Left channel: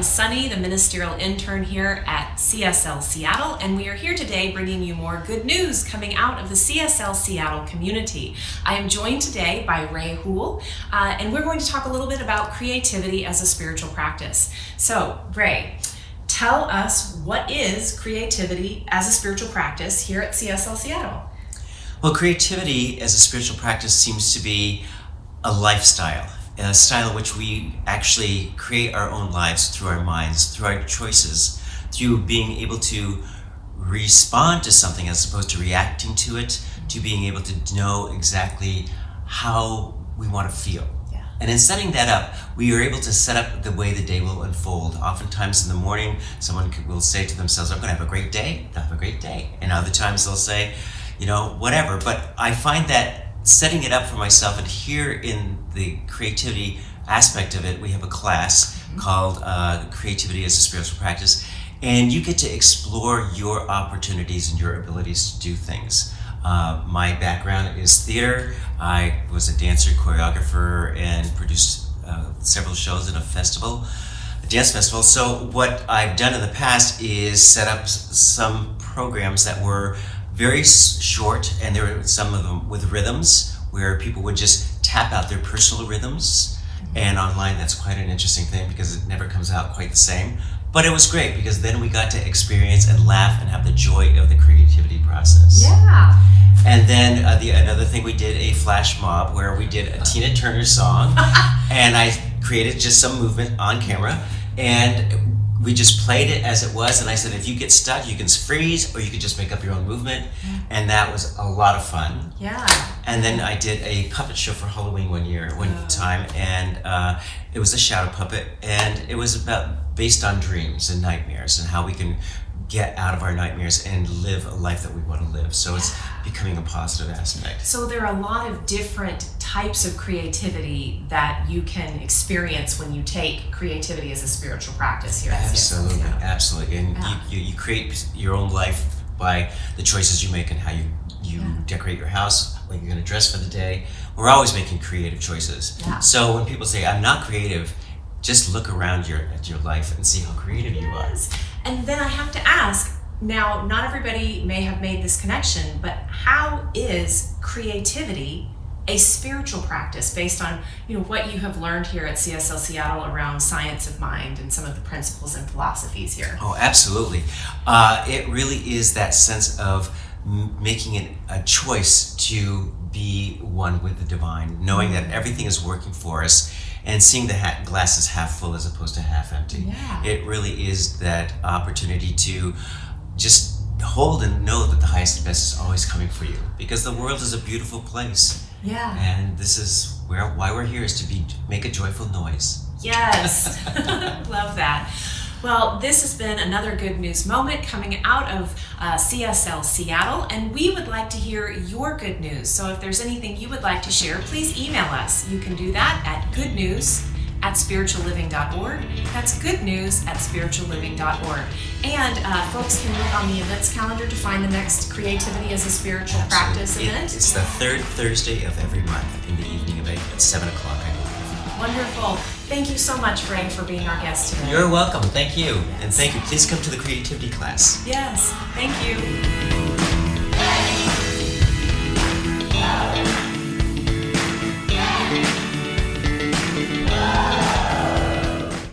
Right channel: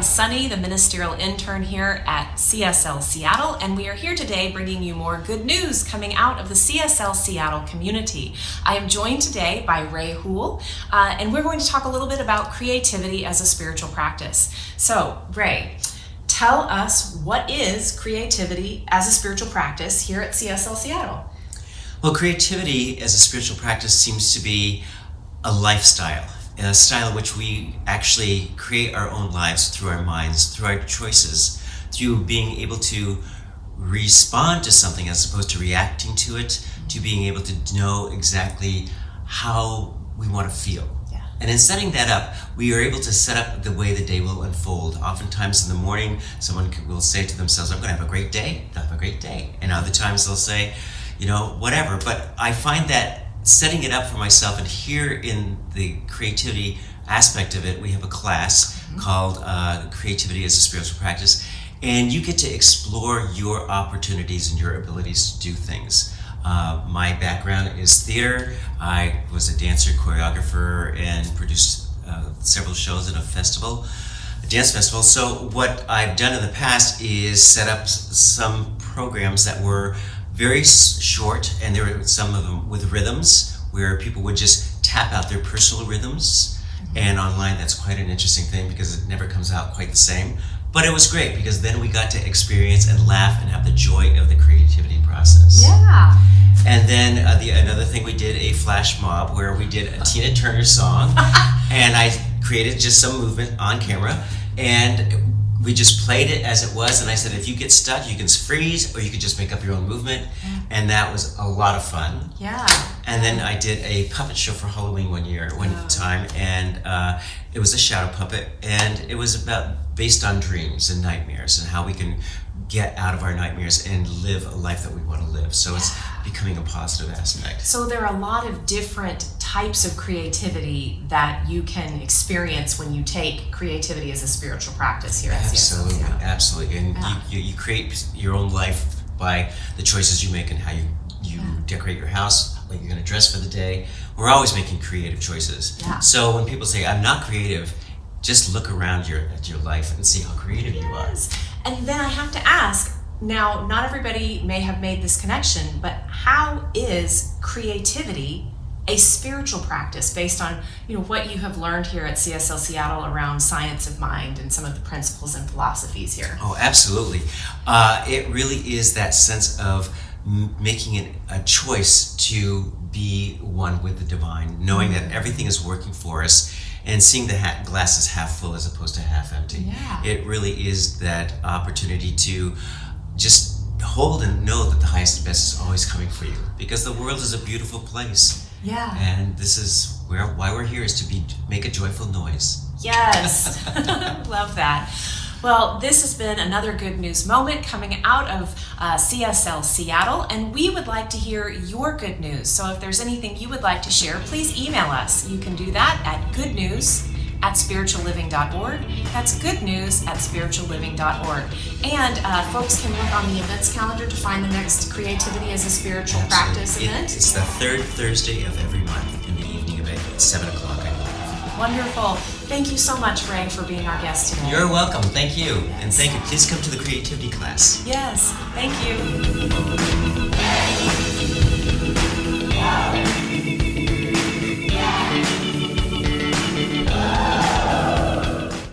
am Sunny, the ministerial intern here at CSL Seattle, and we are here today bringing you more good news coming out of the CSL Seattle community. I am joined today by Ray Houle, and we're going to talk a little bit about creativity as a spiritual practice. So, Ray, tell us, what is creativity as a spiritual practice here at CSL Seattle? Well, creativity as a spiritual practice seems to be a lifestyle. A style in which we actually create our own lives through our minds, through our choices, through being able to respond to something as opposed to reacting to it, to being able to know exactly how we want to feel. Yeah. And in setting that up, we are able to set up the way the day will unfold. Oftentimes in the morning, someone will say to themselves, I'm going to have a great day, they'll have a great day. And other times they'll say, whatever. But I find that setting it up for myself, and here in the creativity aspect of it, we have a class called Creativity as a Spiritual Practice, and you get to explore your opportunities and your abilities to do things. My background is theater. I was a dancer, choreographer, and produced several shows at a dance festival. So what I've done in the past is set up some programs that were very short, and there were some of them with rhythms where people would just tap out their personal rhythms. And online, that's quite an interesting thing because it never comes out quite the same. But it was great because then we got to experience and laugh and have the joy of the creativity process. Yeah. And then another thing, we did a flash mob where we did a Tina Turner song, and I created just some movement on camera, and we just played it as it was, and I said, if you get stuck, you can freeze, or you could just make up your own movement, and that was a lot of fun. Yeah. And then I did a puppet show for Halloween one time, and it was a shadow puppet, and it was based on dreams and nightmares, and how we can get out of our nightmares and live a life that we want to live. So it's becoming a positive aspect. So there are a lot of different types of creativity that you can experience when you take creativity as a spiritual practice here at CSL. Absolutely. And you create your own life by the choices you make and how you decorate your house, what you're going to dress for the day. We're always making creative choices. Yeah. So when people say, I'm not creative, just look around at your life and see how creative you are. And then I have to ask, now, not everybody may have made this connection, but how is creativity a spiritual practice based on what you have learned here at CSL Seattle around science of mind and some of the principles and philosophies here? Oh, absolutely. It really is that sense of making it a choice to be one with the divine, knowing that everything is working for us, and seeing the glass is half full as opposed to half empty. Yeah. It really is that opportunity to just hold and know that the highest and best is always coming for you, because the world is a beautiful place. Yeah. And this is why we're here, is to make a joyful noise. Yes. Love that. Well, this has been another good news moment coming out of CSL Seattle, and we would like to hear your good news. So if there's anything you would like to share, please email us. You can do that at goodnews@spiritualliving.org. That's goodnews@spiritualliving.org. And folks can look on the events calendar to find the next Creativity as a Spiritual Practice event. It's the third Thursday of every month in the evening at 7 o'clock, I believe. Wonderful. Thank you so much, Ray, for being our guest today. You're welcome. Thank you. And thank you. Please come to the creativity class. Yes. Thank you.